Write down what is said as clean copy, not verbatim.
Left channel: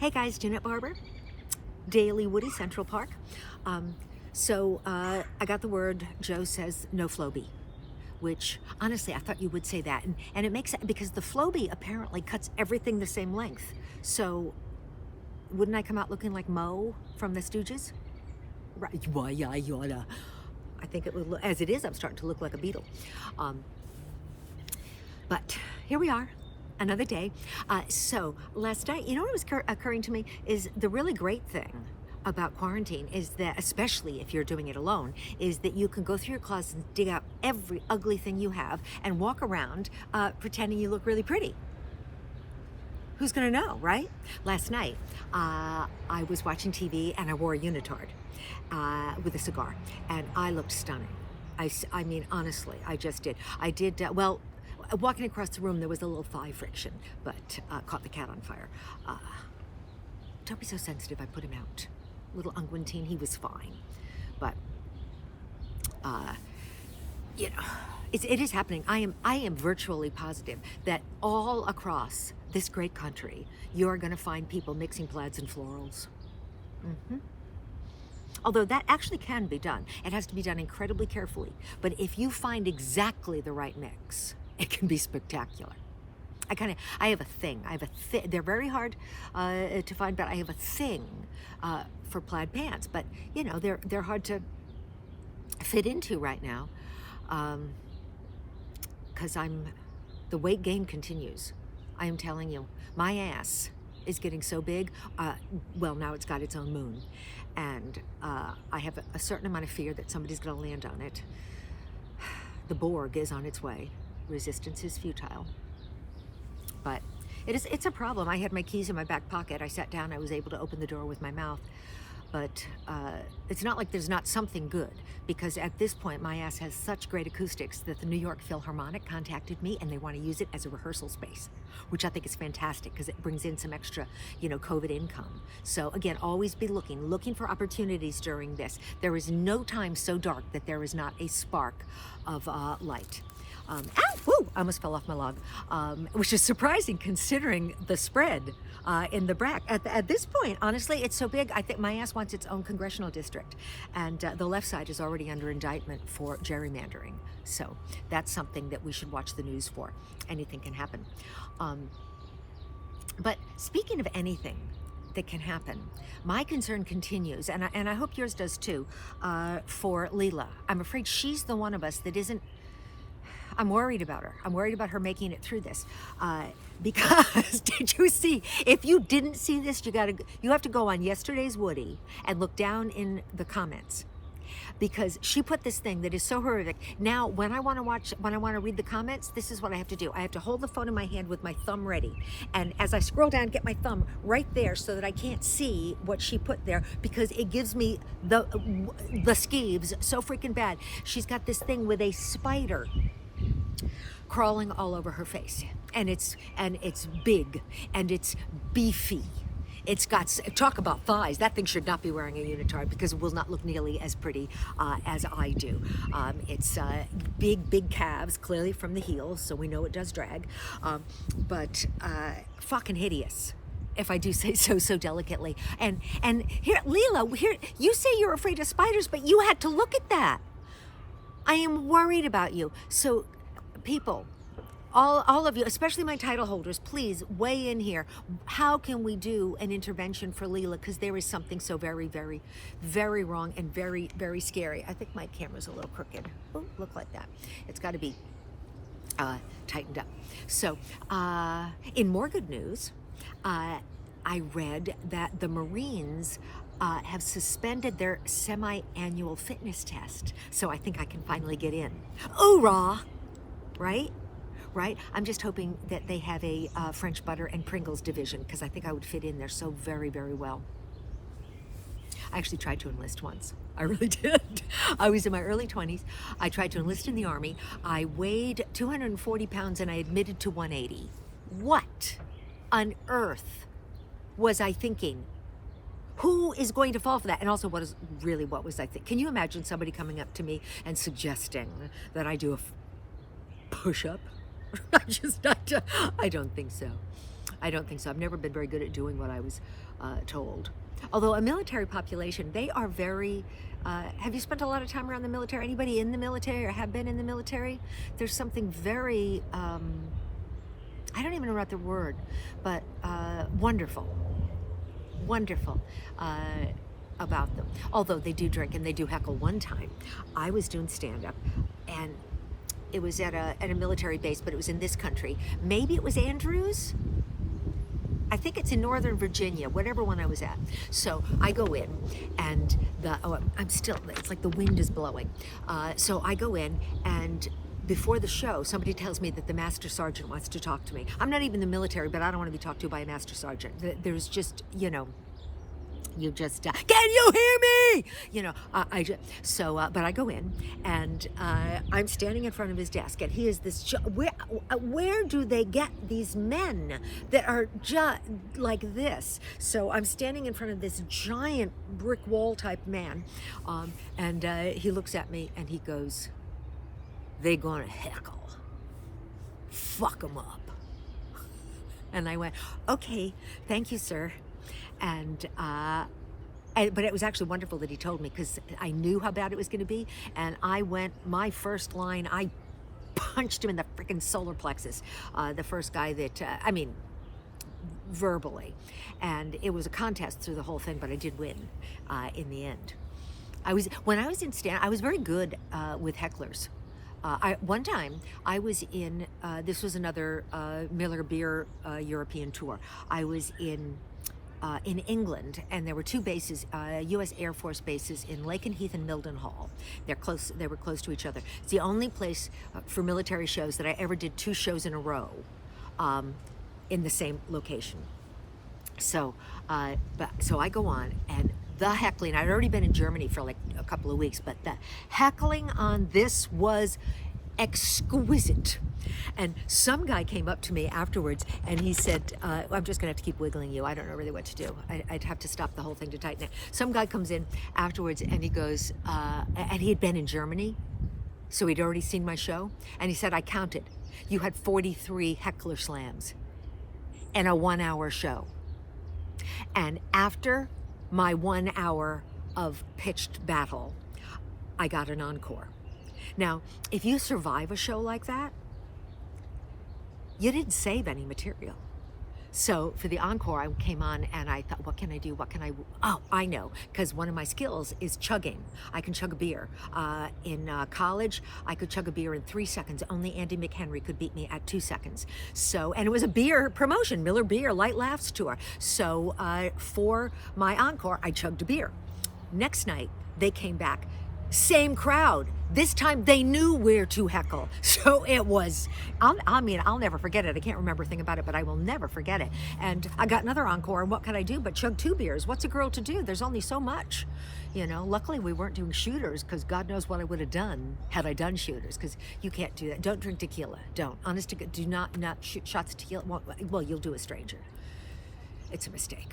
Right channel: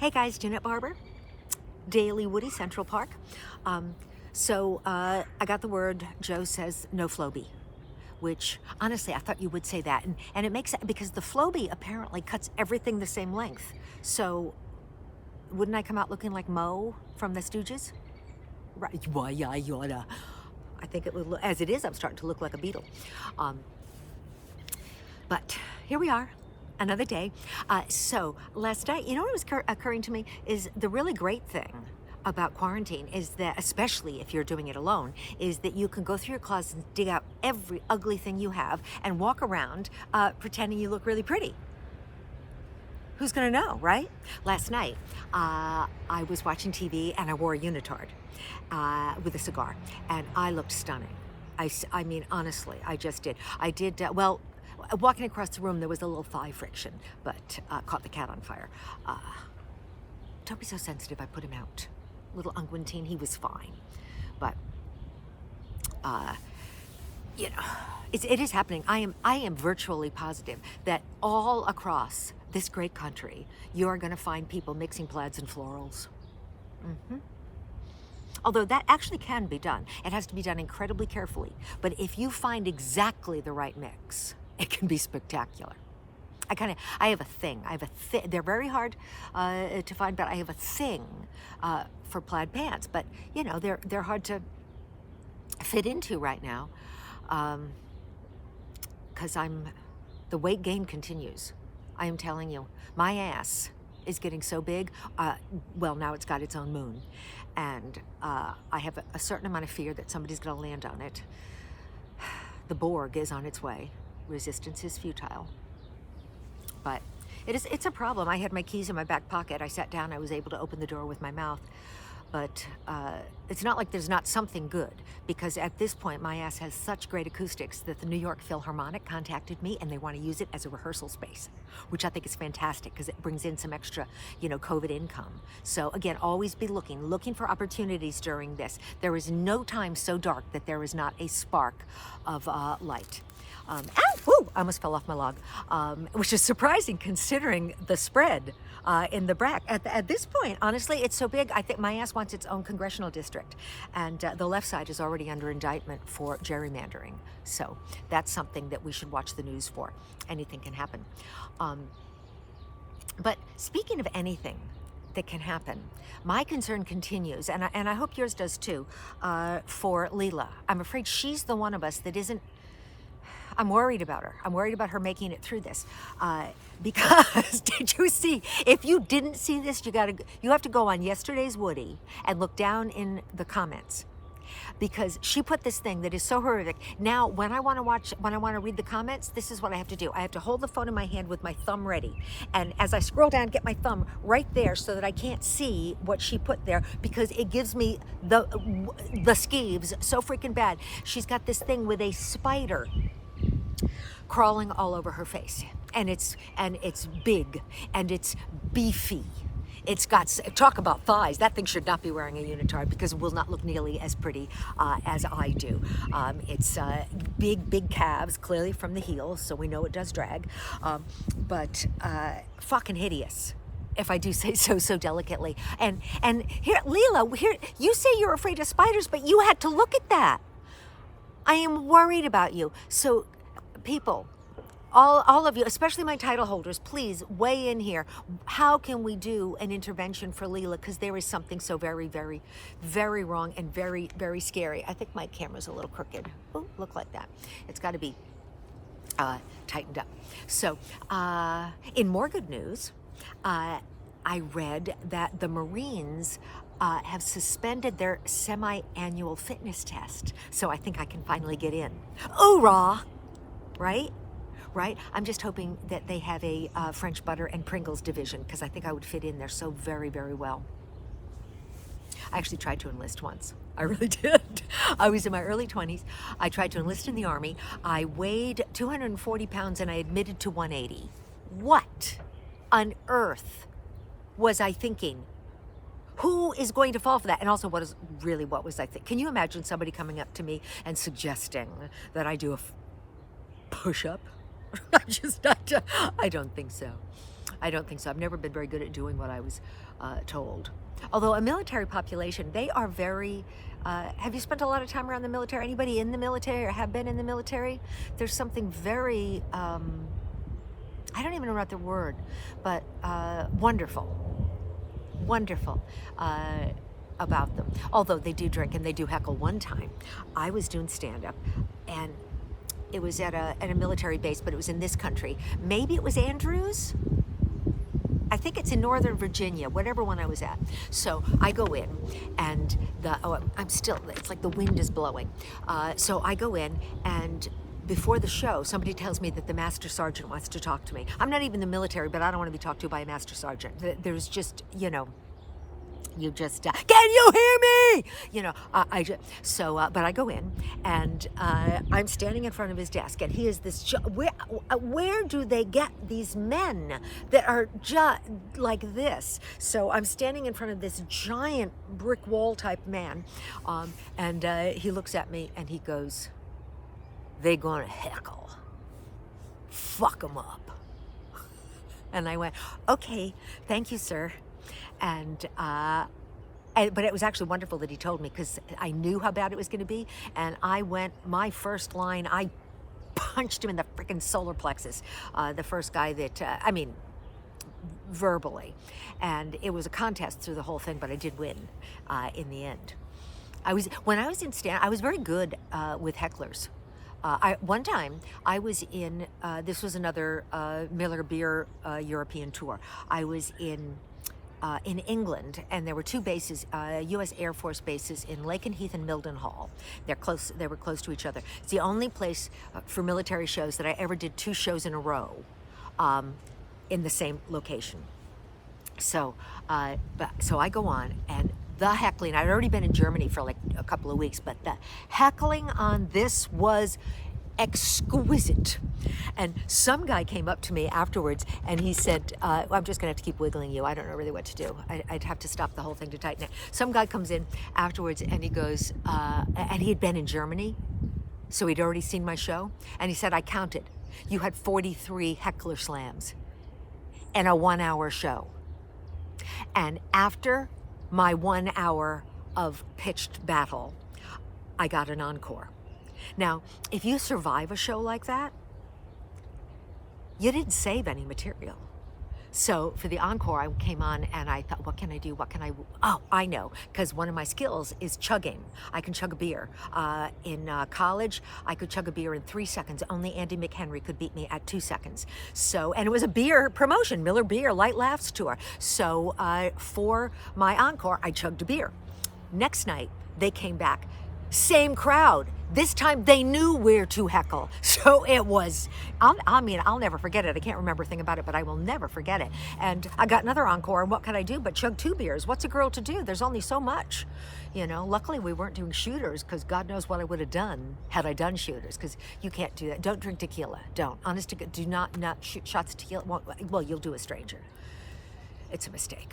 Hey guys, Janette Barber, Daily Woodie, Central Park. I got the word, Joe says no Flowbe, which honestly I thought you would say that. And it makes sense because the Flowbe apparently cuts everything the same length. So wouldn't I come out looking like Mo from the Stooges? Right, why, yada. I think it would look, as it is, I'm starting to look like a beetle. But here we are. Another day. So last night, you know what was occurring to me is the really great thing about quarantine is that, especially if you're doing it alone, is that you can go through your closet and dig out every ugly thing you have and walk around pretending you look really pretty. Who's gonna know, right? Last night, I was watching TV and I wore a unitard with a cigar and I looked stunning. I mean, honestly, I just did. I did, walking across the room, there was a little thigh friction, but caught the cat on fire. Don't be so sensitive, I put him out. Little unguentine, he was fine. But, you know, it is happening. I am virtually positive that all across this great country, you're gonna find people mixing plaids and florals. Although that actually can be done. It has to be done incredibly carefully. But if you find exactly the right mix, it can be spectacular. I have a thing. They're very hard to find, but I have a thing for plaid pants. But you know, they're hard to fit into right now because the weight gain continues. I am telling you, my ass is getting so big. Well, now it's got its own moon, and I have a certain amount of fear that somebody's going to land on it. The Borg is on its way. Resistance is futile. But it's a problem. I had my keys in my back pocket. I sat down, I was able to open the door with my mouth. But it's not like there's not something good, because at this point my ass has such great acoustics that the New York Philharmonic contacted me and they want to use it as a rehearsal space, which I think is fantastic because it brings in some extra, you know, COVID income. So again, always be looking for opportunities during this. There is no time so dark that there is not a spark of light. I almost fell off my log, which is surprising considering the spread in the back. At this point, honestly, it's so big, I think my ass wants its own congressional district. And the left side is already under indictment for gerrymandering. So that's something that we should watch the news for. Anything can happen. But speaking of anything that can happen, my concern continues, and I hope yours does too, for Leela. I'm afraid she's the one of us that isn't. I'm worried about her. I'm worried about her making it through this. Because, did you see, if you didn't see this, you have to go on yesterday's Woodie and look down in the comments. Because she put this thing that is so horrific. Now, when I want to read the comments, this is what I have to do. I have to hold the phone in my hand with my thumb ready. And as I scroll down, get my thumb right there so that I can't see what she put there, because it gives me the skeeves so freaking bad. She's got this thing with a spider crawling all over her face, and it's big and it's beefy. It's got, talk about thighs. That thing should not be wearing a unitard because it will not look nearly as pretty as I do. It's big calves, clearly from the heels, so we know it does drag, but fucking hideous, if I do say so delicately. And here, Leela, here, you say you're afraid of spiders, but you had to look at that. I am worried about you. So people, all of you, especially my title holders, please weigh in here. How can we do an intervention for Leela? Because there is something so very, very, very wrong and very, very scary. I think my camera's a little crooked. Ooh, look like that. It's got to be tightened up. So in more good news, I read that the Marines have suspended their semi-annual fitness test. So I think I can finally get in. Hoorah! Right? I'm just hoping that they have a French butter and Pringles division, because I think I would fit in there so very, very well. I actually tried to enlist once. I really did. I was in my early 20s. I tried to enlist in the Army. I weighed 240 pounds and I admitted to 180. What on earth was I thinking? Who is going to fall for that? And also, what was I thinking? Can you imagine somebody coming up to me and suggesting that I do a push-up? I don't think so. I don't think so. I've never been very good at doing what I was told. Although a military population, they are very, have you spent a lot of time around the military? Anybody in the military or have been in the military? There's something very, I don't even know what the word, but wonderful about them. Although they do drink and they do heckle. One time, I was doing stand-up, and it was at a military base, but it was in this country. Maybe it was Andrews? I think it's in Northern Virginia, whatever one I was at. So I go in, and I'm still, it's like the wind is blowing. So I go in, and before the show, somebody tells me that the master sergeant wants to talk to me. I'm not even in the military, but I don't want to be talked to by a master sergeant. There's just, you know, you just, can you hear me? You know, but I go in, and I'm standing in front of his desk, and he is this, where do they get these men that are just like this? So I'm standing in front of this giant brick wall type man, and he looks at me and he goes, "They gonna heckle. Fuck them up." And I went, "Okay, thank you, sir." And but it was actually wonderful that he told me, because I knew how bad it was going to be. And I went, my first line, I punched him in the freaking solar plexus. The first guy that, I mean, verbally. And it was a contest through the whole thing, but I did win in the end. When I was in stand, I was very good with hecklers. One time I was in, this was another Miller Beer European tour. I was in England, and there were two bases, U.S. Air Force bases in Lakenheath and Mildenhall. They're close. They were close to each other. It's the only place for military shows that I ever did 2 shows in a row in the same location. So, so I go on, and the heckling, I'd already been in Germany for like a couple of weeks, but the heckling on this was exquisite. And some guy came up to me afterwards, and he said, I'm just gonna have to keep wiggling you. I don't know really what to do. I'd have to stop the whole thing to tighten it. Some guy comes in afterwards, and he goes, and he had been in Germany, so he'd already seen my show, and he said, "I counted. You had 43 heckler slams in a 1-hour show. And after my 1 hour of pitched battle, I got an encore." Now, if you survive a show like that, you didn't save any material. So for the encore, I came on and I thought, what can I do? What can I, oh, I know, because one of my skills is chugging. I can chug a beer. In college, I could chug a beer in 3 seconds. Only Andy McHenry could beat me at 2 seconds. So, and it was a beer promotion, Miller Beer Light Laughs Tour. So for my encore, I chugged a beer. Next night, they came back. Same crowd. This time they knew where to heckle. So it was, I'll never forget it. I can't remember a thing about it, but I will never forget it. And I got another encore, and what could I do but chug 2 beers? What's a girl to do? There's only so much. You know, luckily we weren't doing shooters, because God knows what I would have done had I done shooters, because you can't do that. Don't drink tequila. Don't. Honest to God, do not shoot shots of tequila. Well, you'll do a stranger. It's a mistake.